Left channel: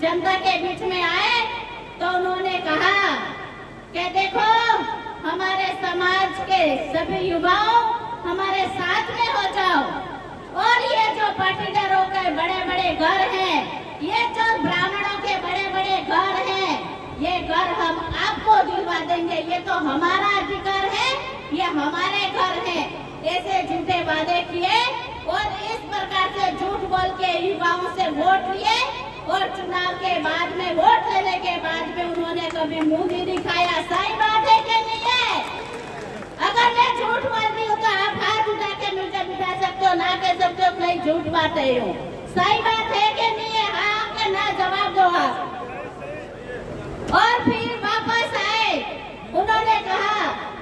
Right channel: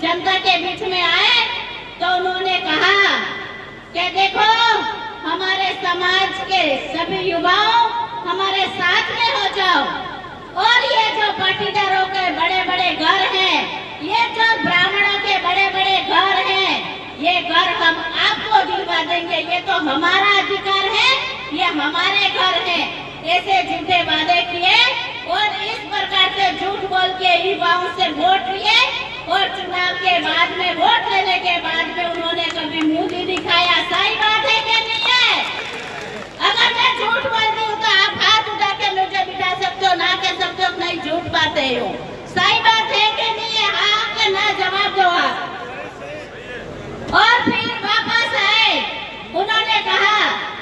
जनता के बीच में आए तो उन्होंने कहा कि देखो हमारे समाज के सभी युवाओं हमारे साथ में हो जाओ, और ये जो पाटीदारों के बड़े बड़े घर हैं, ये जो ब्राह्मणों के बड़े बड़े घर हैं, ये घर हम आपको दिलवा देंगे, ये तो हमारा अधिकार है, ये हमारे घर है। ऐसे झूठे वादे किए और इस प्रकार से झूठ बोल के युवाओं से वोट लिए, और चुनाव के बाद में वोट लेने के बाद में उन्होंने कभी मुंह नहीं दिखाया। सही बात है कि नहीं है? अगर मैं झूठ बोलती हूँ तो आप हाथ उठा के मुझे बिठा सकते हो, ना कह सकते हो नहीं झूठ बात है हो। सही बात है कि नहीं है? हाँ के ना जवाब दो आप। और फिर वापस आए, उन्होंने कहा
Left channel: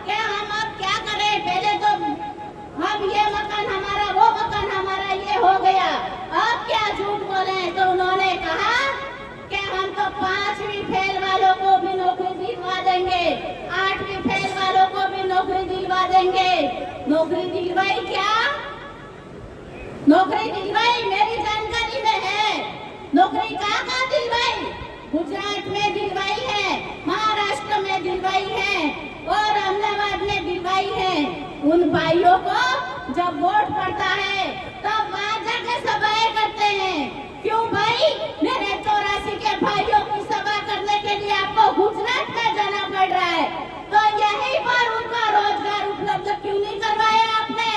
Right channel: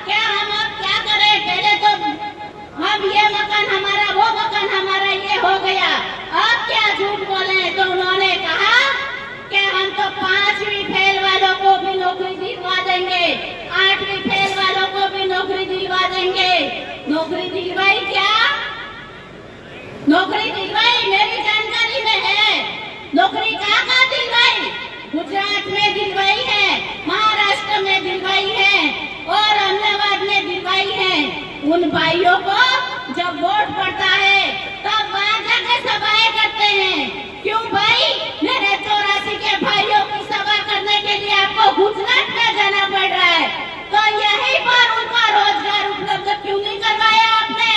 क्या हम अब क्या करें, पहले तो हम ये मकान हमारा, वो मकान हमारा, ये हो गया, अब क्या झूठ बोले। तो उन्होंने कहा कि हम तो 5वीं फेल वालों को भी नौकरी दिलवा देंगे, 8वीं फेल वालों को भी नौकरी दिलवा देंगे। नौकरी दिलवाई क्या? नौकरी दिलवाई, मेरी जानकारी में है। नौकरी कहाँ दिलवाई? गुजरात में दिलवाई है, महाराष्ट्र में दिलवाई है और अहमदाबाद में दिलवाई है। उन भाइयों को जब वोट पड़ता है तब वहाँ जाकर सभाएं करते हैं। क्यों भाई? मेरे 84 के भाइयों की सभा करने के लिए आपको गुजरात में जाना पड़ रहा है, तो यहीं पर उनका रोजगार उपलब्ध क्यों नहीं करवाया आपने?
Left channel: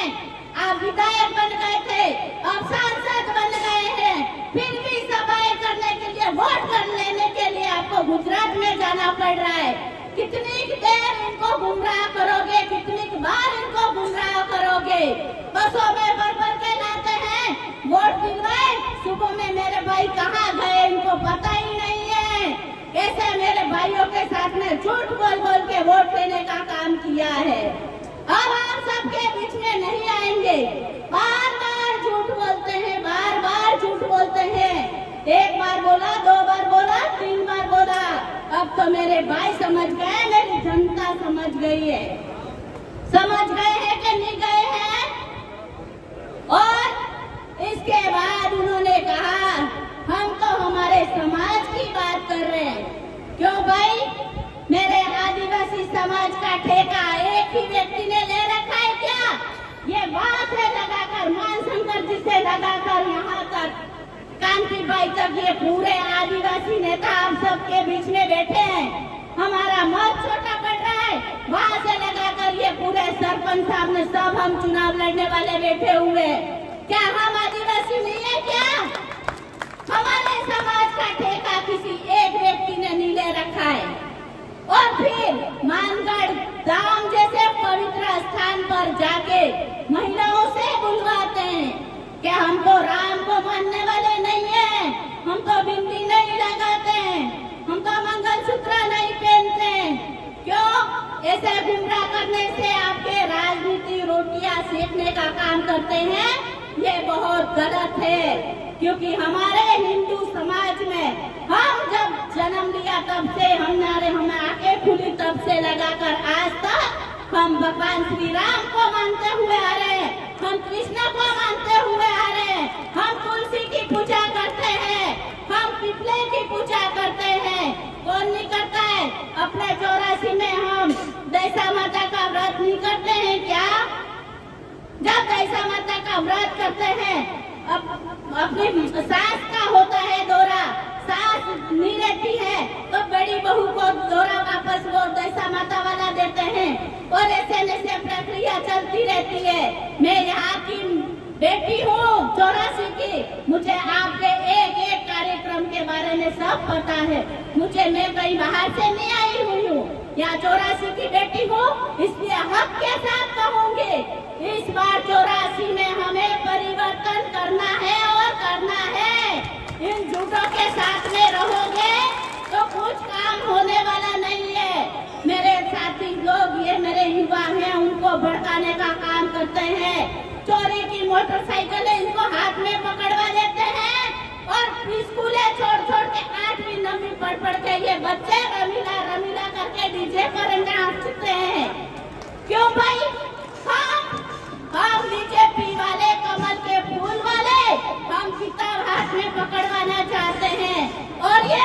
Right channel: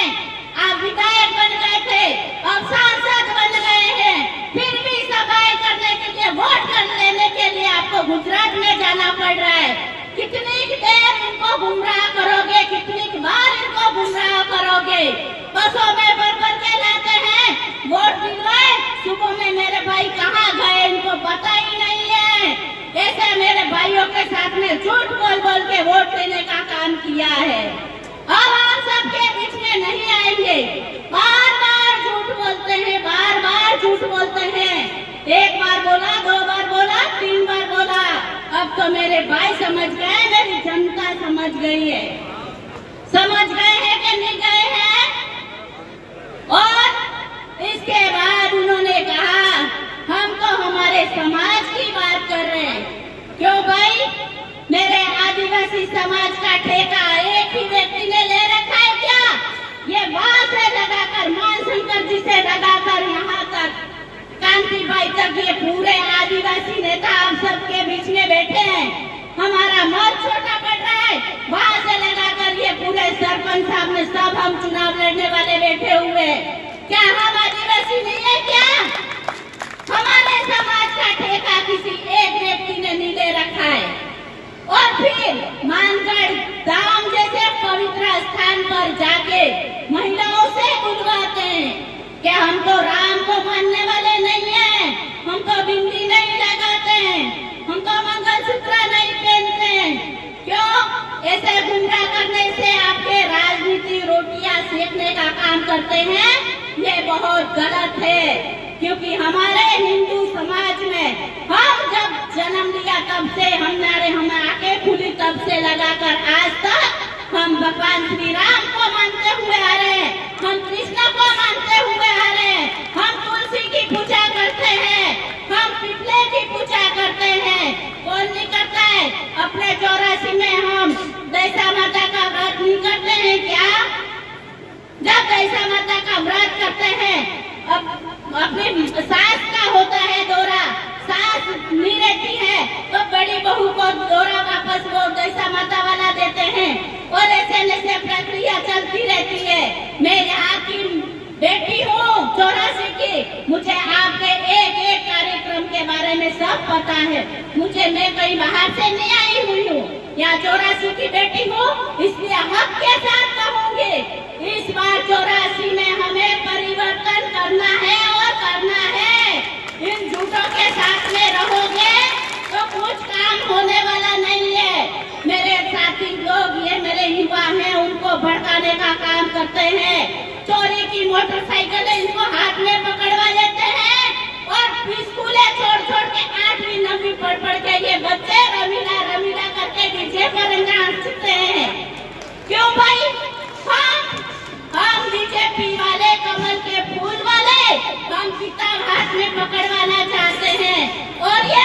आप विधायक बन गए थे, अब सांसद बन गए हैं, फिर भी सभाएं करने के लिए, वोट कर लेने के लिए आपको गुजरात में जाना पड़ रहा है। कितनी देर इनको गुमराह करोगे, कितनी बार इनको गुमराह करोगे? बसों में भर के लाते हैं, वोट दिलवाए, सुबह में मेरे भाई कहाँ गए इनको पता ही नहीं है। ऐसे मेरे भाइयों के साथ में झूठ बोल बोल के वोट लेने का काम किया है। अब आप सबके बीच में नहीं आएंगे, बार बार झूठ बोलते हैं, बार बार झूठ बोलते हैं। एक बार बोला, 2 बार बोला, 3 बार बोला, अब तो मेरे भाई समझ गए, मेरी जनता समझ गई है। समझ गए हैं कि नहीं गए हैं? और इसके बाद उन्होंने कहा हम तो हमारे समाज की बात कर रहे हैं। क्यों भाई? मेरे आदिवासी समाज का ठेका एक ही व्यक्ति ने ले रखा है क्या? ये वहां से लगाकर, मानशंकर जी से लगाकर यहाँ तक कांतिबाई तक, ये पूरे आदिवासी नेता हम सबके बीच में बैठे हैं। हमारा मत छोटा पड़ रहा है, वहां से लगाकर ये पूरे सरपंच साहब ने सब हम चुनाव लड़ने वाले बैठे हुए। क्या हम आदिवासी नहीं है क्या? हमारे समाज का ठेका किसी एक व्यक्ति ने नहीं ले रखा है। और फिर मानगढ़ धाम जैसे पवित्र स्थान पर जाके महिलाओं से बुलवाते हैं कि हम तो राम को मानने वाले नहीं है, हम तो बिंदी नहीं लगाते हैं, हम तो मंगलसूत्र नहीं पहनते हैं। क्यों? ऐसे गुमराह करने से आपके राजनीति रोटियां सेकने का काम करते हैं, ये बहुत गलत है। क्योंकि हमारे हिंदू समाज में हम जब जन्म लिया तब से हम आंखें खुली तब से लगाकर आज तक हम भगवान श्री राम को मानते हुए आ रहे हैं, हम कृष्ण को मानते हुए आ रहे हैं, हम तुलसी की पूजा करते हैं, हम पिपले की पूजा करते हैं। कौन नहीं करता है? अपने 84 में हम दैसा माता का व्रत नहीं करते हैं क्या? जब दैसा माता का व्रत करते हैं, अपनी सास का होता है दौरा, सास नहीं रहती है तो बड़ी बहू को दौरा वापस वो दैसा माता वाला देते हैं, और ऐसे प्रक्रिया चलती रहती है। मैं यहाँ की बेटी हूँ 84 की, मुझे आपके एक एक कार्यक्रम के बारे में सब पता है। मैं कहीं बाहर से नहीं आई हुई हूँ, यहाँ 84 की बेटी हूँ, इसलिए हक के साथ कहूँगी, इस बार 84 में हमें परिवर्तन करना है और करना है। इन झूठों के साथ में रहोगे तो कुछ काम होने वाला नहीं है। मेरे साथी लोग, ये मेरे युवा हैं, उनको भड़काने का काम करते हैं। चोरी की मोटरसाइकिलें इनको हाथ में पकड़वा लेते हैं और स्कूलें छोड़ के 8वीं 9वीं पढ़ के ये बच्चे रमीला करके डीजे पर नाचते हैं। क्यों भाई? हम बीजेपी वाले, कमल के फूल वाले, हम किताब हाथ में पकड़वाना चाहते हैं। और ये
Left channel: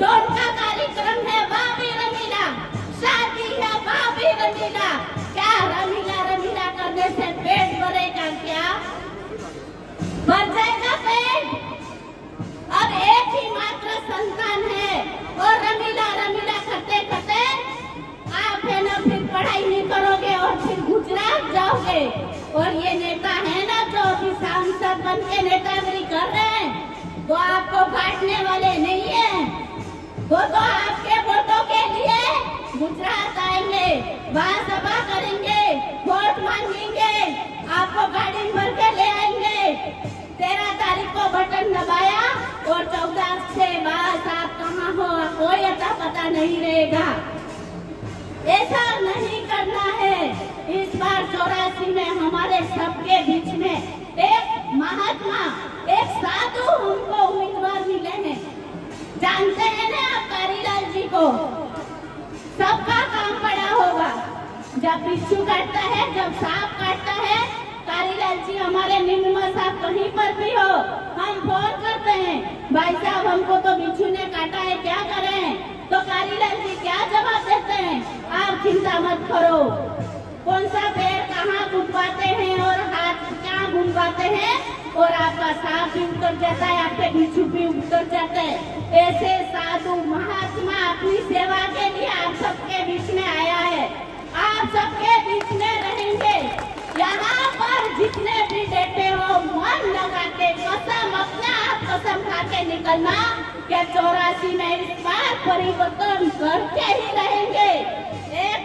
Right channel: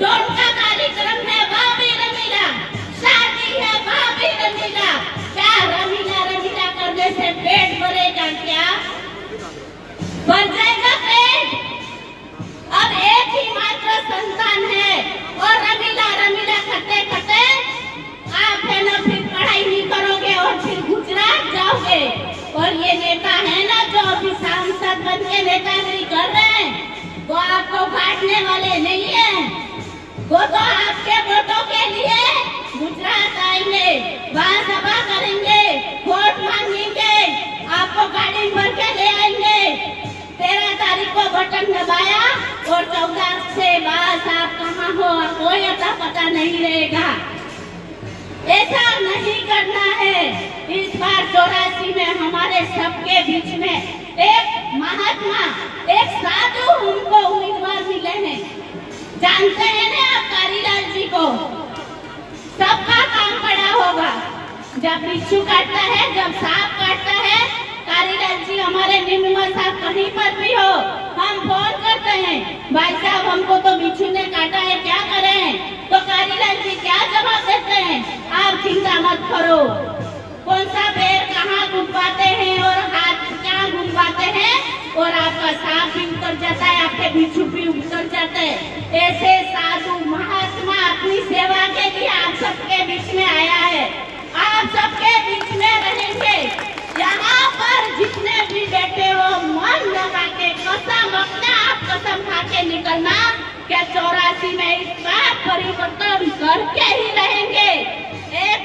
ढोल का कार्यक्रम है भाभी रमीला, शादी है भाभी रमीला। क्या रमीला रमीला करने से पेट भरेगा क्या? भर जाएगा पेट? अब एक ही मात्र संतान है और रमीला रमीला करते करते आप है ना फिर पढ़ाई नहीं करोगे और फिर गुजरात जाओगे। और ये नेता है ना जो अभी सांसद बन के नेतागिरी कर रहे हैं, वो आपको बांटने वाले नहीं है। वो तो आपके वोटों के लिए गुजरात आएंगे, वहाँ सभा करेंगे, वोट मांगेंगे, आपको गाड़ी भर के ले आएंगे। 13 तारीख को बटन दबाया और 14 से बाद आप कहाँ हो कोई अता पता नहीं रहेगा। ऐसा नहीं करना है। इस बार 84 में हमारे सबके बीच में एक महात्मा, एक साधु हमको उम्मीदवार मिले हैं। जानते हैं ना आप कारीलाल जी को? सबका काम पड़ा होगा। जब बिच्छू काटता है, जब सांप काटता है, कारीलाल जी हमारे निम्न साहब कहीं पर भी हो, हम फोन करते हैं, भाई साहब हमको तो बिच्छू ने काटा है, क्या करें? तो कारीलाल जी क्या जवाब देते हैं? आप चिंता मत करो। कौन सा पैर कहाँ गुंदवाते हैं और हाथ क्या गुंदवाते हैं और आपका सांप भी उतर जाता है, आपके बिच्छू भी उतर जाते हैं। ऐसे साधु महात्मा अपनी सेवा के लिए आप सबके बीच में आया है। आप सबके बीच में रहेंगे। यहाँ पर जितने भी बैठे हो मन लगा के कसम, अपना आप कसम खा के निकलना कि 84 में इस बार परिवर्तन करके ही रहेंगे। एक